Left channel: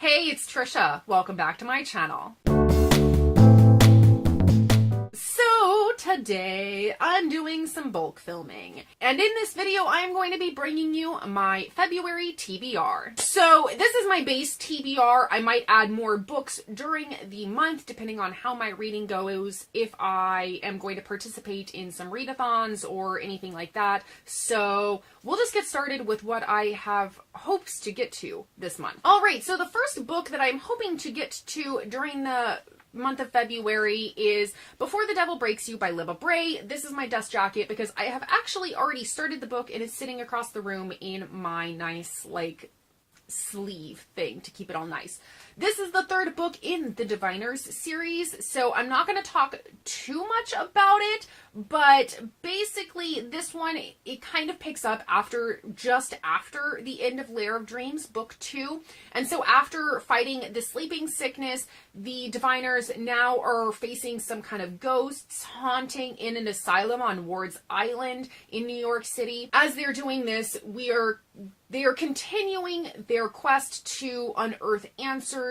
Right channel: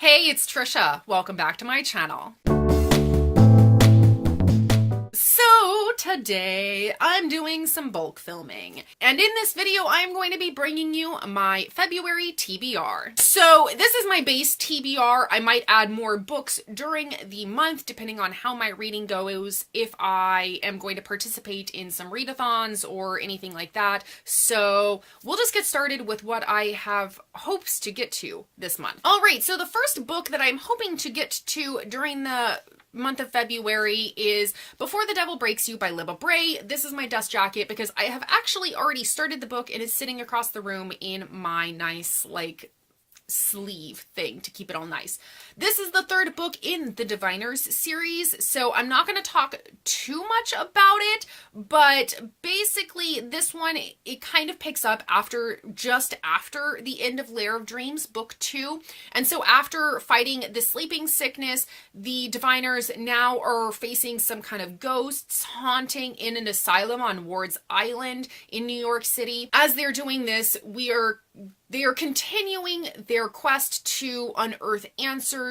Hey, it's Trisha. Welcome back to my channel. So today I'm doing some bulk filming, and in this video I'm going to be bringing you my February TBR. So this is my base TBR. I might add more books during the month depending on how my reading goes, if I am going to participate in some readathons or anything like that. So we'll just get started with what I have hopes to get to this month. Alright, so the first book that I'm hoping to get to during the month of February is Before the Devil Breaks You by Libba Bray. This is my dust jacket because I have actually already started the book and it's sitting across the room in my nice, sleeve thing to keep it all nice. This is the third book in the Diviners series, so I'm not going to talk too much about it, but basically this one, it kind of picks up just after the end of Lair of Dreams, book 2. And so after fighting the sleeping sickness, the Diviners now are facing some kind of ghosts haunting in an asylum on Ward's Island in New York City. As they're doing this, they are continuing their quest to unearth answers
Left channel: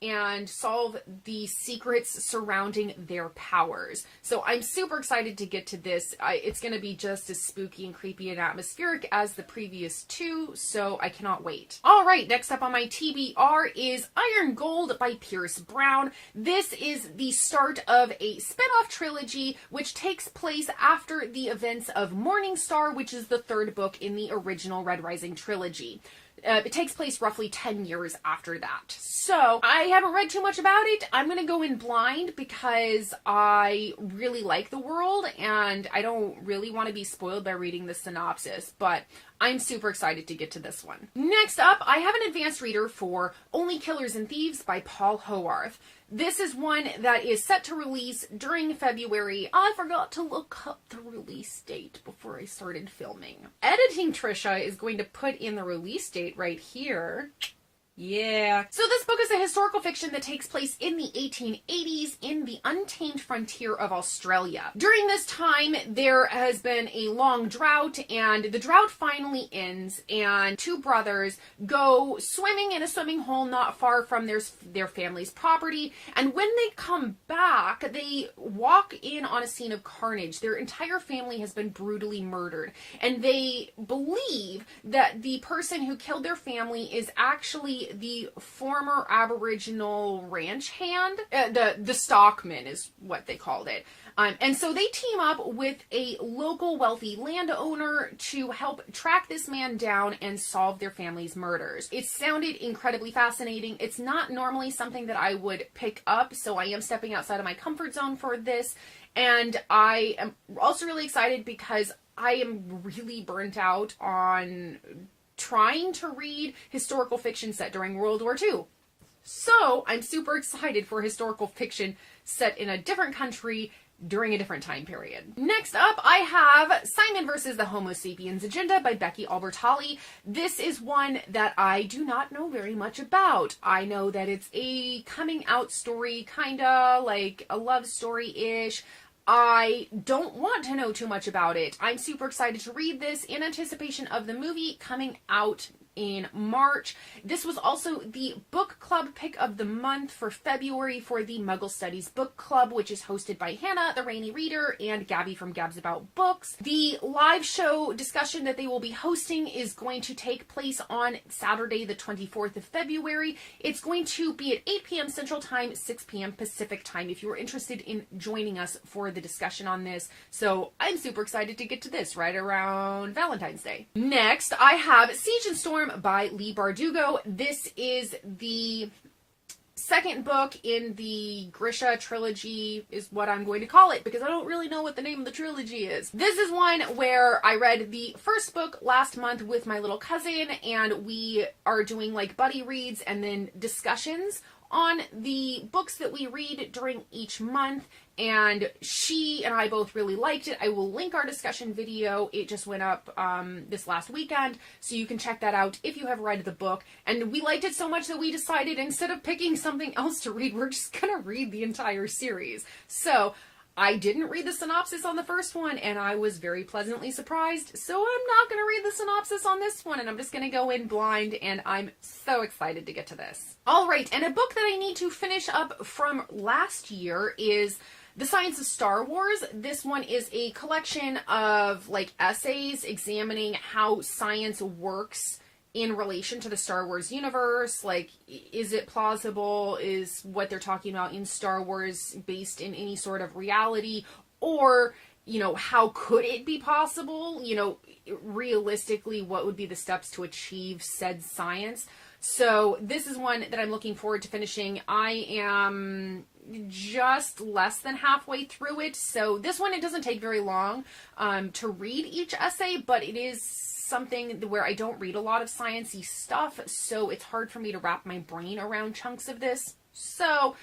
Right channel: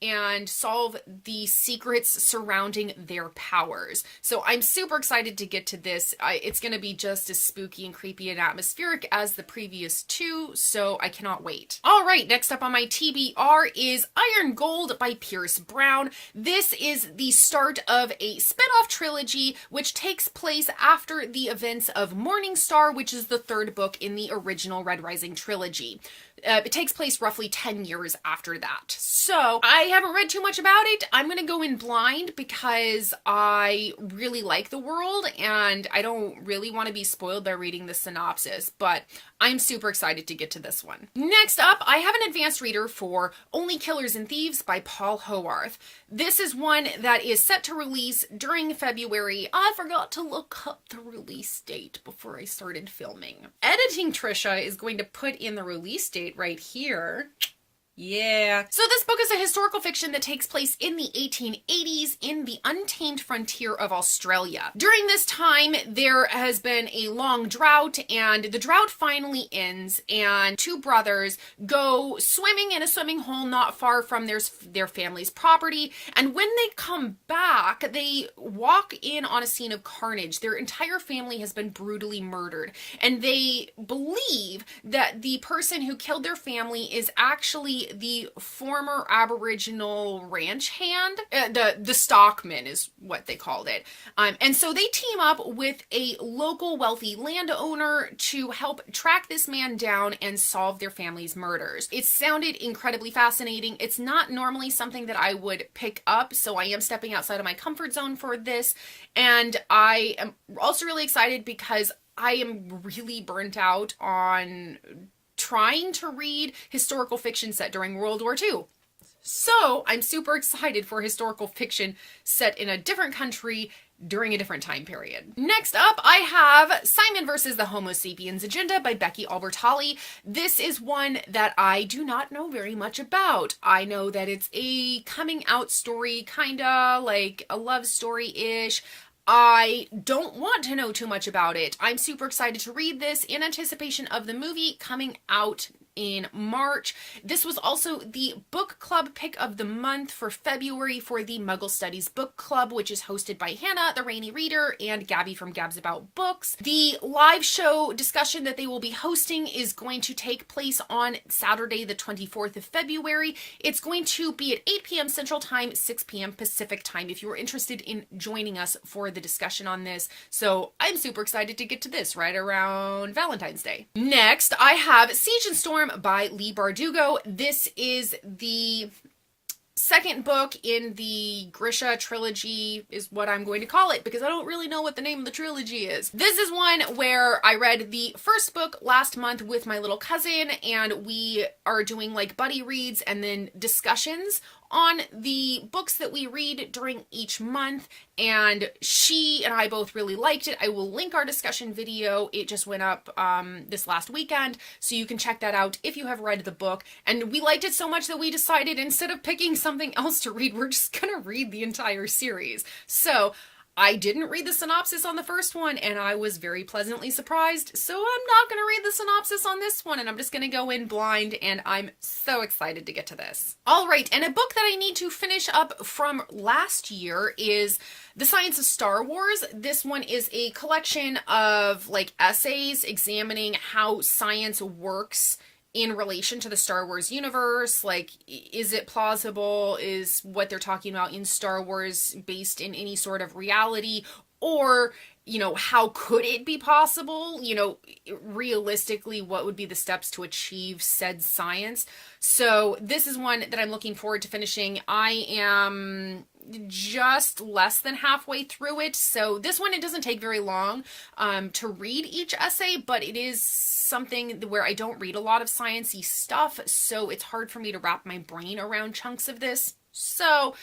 and solve the secrets surrounding their powers. So I'm super excited to get to this. It's going to be just as spooky and creepy and atmospheric as the previous two, so I cannot wait. All right, next up on my TBR is Iron Gold by Pierce Brown. This is the start of a spin-off trilogy which takes place after the events of Morning Star, which is the third book in the original Red Rising trilogy. It takes place roughly 10 years after that. So I haven't read too much about it. I'm going to go in blind because I really like the world and I don't really want to be spoiled by reading the synopsis, but I'm super excited to get to this one. Next up, I have an advanced reader for Only Killers and Thieves by Paul Howarth. This is one that is set to release during February. I forgot to look up the release date before I started filming. Editing Trisha is going to put in the release date right here. Yeah. So this book is a historical fiction that takes place in the 1880s in the untamed frontier of Australia. During this time, there has been a long drought, and the drought finally ends, and two brothers go swimming in a swimming hole not far from their family's property, and when they come back, they walk in on a scene of carnage. Their entire family has been brutally murdered, and they believe that the person who killed their family is actually the former Aboriginal ranch hand. The stockman is what they called it. And so they team up with a local wealthy landowner to help track this man down and solve their family's murders. It sounded incredibly fascinating. It's not normally something that I would pick up, so I am stepping outside of my comfort zone for this. And I am also really excited because I am really burnt out on trying to read historical fiction set during World War II. So I'm super excited for historical fiction set in a different country during a different time period. Next up, I have Simon versus the Homo Sapiens Agenda by Becky Albertalli. This is one that I do not know very much about. I know that it's a coming out story, kinda like a love story-ish. I don't want to know too much about it. I'm super excited to read this in anticipation of the movie coming out in March. This was also the book club pick of the month for February for the Muggle Studies Book Club, which is hosted by Hannah, the Rainy Reader, and Gabby from Gabs About Books. The live show discussion that they will be hosting is going to take place on Saturday, the 24th of February. It's going to be at 8 p.m. Central Time, 6 p.m. Pacific Time if you are interested in joining us for the discussion on this. So I'm super excited to get to this right around Valentine's Day. Next, I have Siege and Storm by Lee Bardugo. This is the second book in the Grisha trilogy, is what I'm going to call it, because I don't really know what the name of the trilogy is. This is one where I read the first book last month with my little cousin, and we are doing buddy reads and then discussions on the books that we read during each month, and she and I both really liked it. I will link our discussion video. It just went up this last weekend, so you can check that out if you have read the book. And we liked it so much that we decided instead of picking something else to read, we're just gonna read the entire series. So I didn't read the synopsis on the first one, and I was very pleasantly surprised, so I'm not going to read the synopsis on this one, and I'm just going to go in blind, and I'm so excited to get to this. All right, and a book that I need to finish up from last year is The Science of Star Wars. This one is a collection of like essays examining how science works in relation to the Star Wars universe. Like, is it plausible? Is what they're talking about in Star Wars based in any sort of reality? Or, you know, how could it be possible? You know, realistically, what would be the steps to achieve said science? So this is one that I'm looking forward to finishing. I am just less than halfway through it. So this one, it doesn't take very long to read each essay, but it is something where I don't read a lot of sciencey stuff, so it's hard for me to wrap my brain around chunks of this. So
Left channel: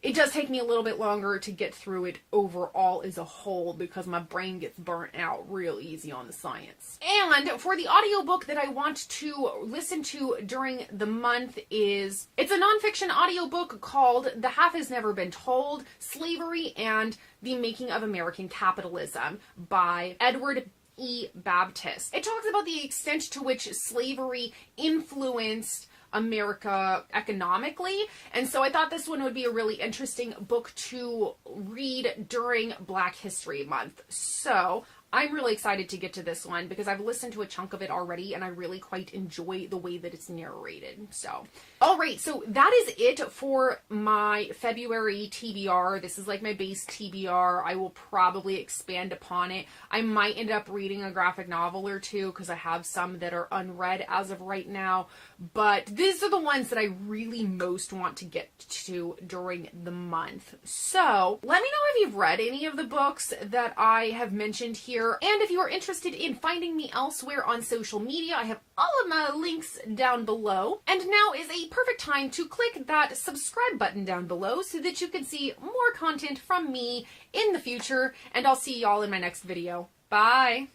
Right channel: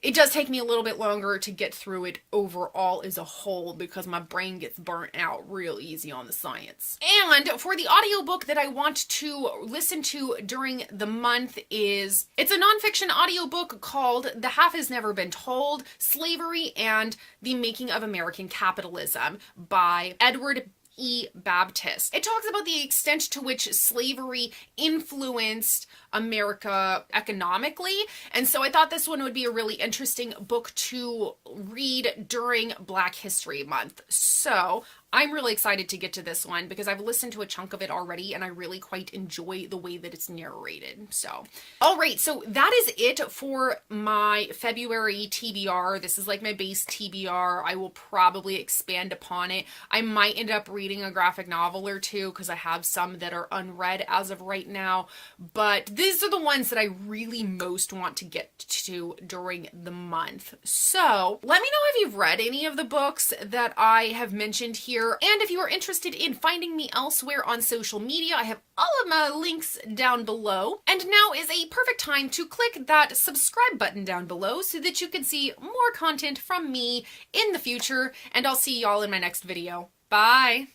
it does take me a little bit longer to get through it overall as a whole because my brain gets burnt out real easy on the science. And for the audiobook that I want to listen to during the month it's a nonfiction audiobook called The Half Has Never Been Told: Slavery and the Making of American Capitalism by Edward E. Baptist. It talks about the extent to which slavery influenced America economically, and so I thought this one would be a really interesting book to read during Black History Month. So I'm really excited to get to this one because I've listened to a chunk of it already and I really quite enjoy the way that it's narrated. So, all right, so that is it for my February TBR. This is like my base TBR. I will probably expand upon it. I might end up reading a graphic novel or two because I have some that are unread as of right now, but these are the ones that I really most want to get to during the month. So let me know if you've read any of the books that I have mentioned here. And if you are interested in finding me elsewhere on social media, I have all of my links down below. And now is a perfect time to click that subscribe button down below so that you can see more content from me in the future. And I'll see y'all in my next video. Bye!